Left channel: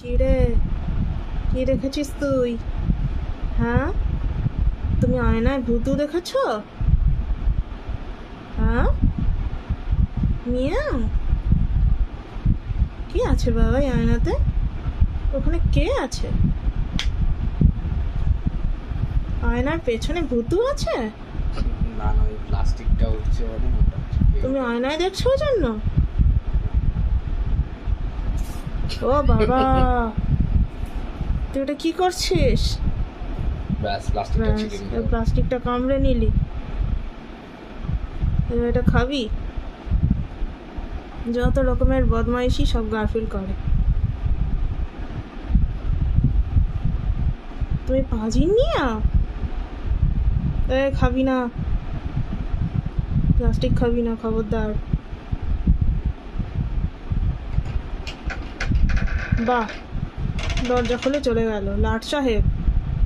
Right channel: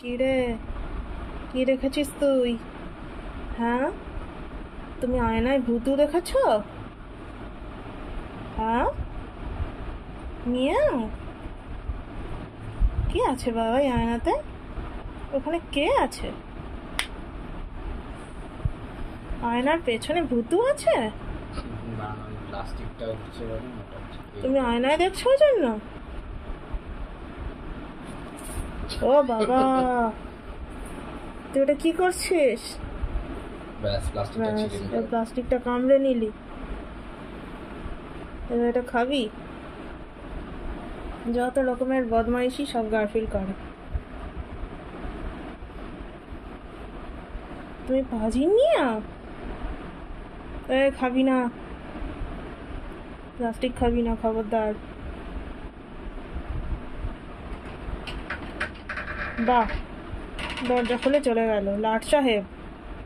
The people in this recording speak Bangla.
কি রে, কি দেখেছিস তুই? হ্যাঁ, তুমি আয়নায় ভূতু দেখেছ? হ্যাঁ, মিয়াও। কি আছে বাবা এই আয়নাতে? ওখানে কে আছে? আয়নার পেছনে ভূতু আছে? না না, ওই প্লাস্টিকটা উঠছে বলে ওটা তুমি আয়নায় দেখছো ওই জন্য? ও বাবা, তুই ওটা কি করছিস? ব্যাস প্লাস্টিকটা ছিঁড়ে নিল। প্লাস্টিকটা কামড়ে নিলি, এবার এটা খাবি? যত রকমের বদমাইশি সব গারফিল করে। তুমি পাজি নিয়া খাবি না, প্লাস্টিক খাবি না, খবরদার। বাহ, দরজা খুলে চলে গেল লাট সাহেব।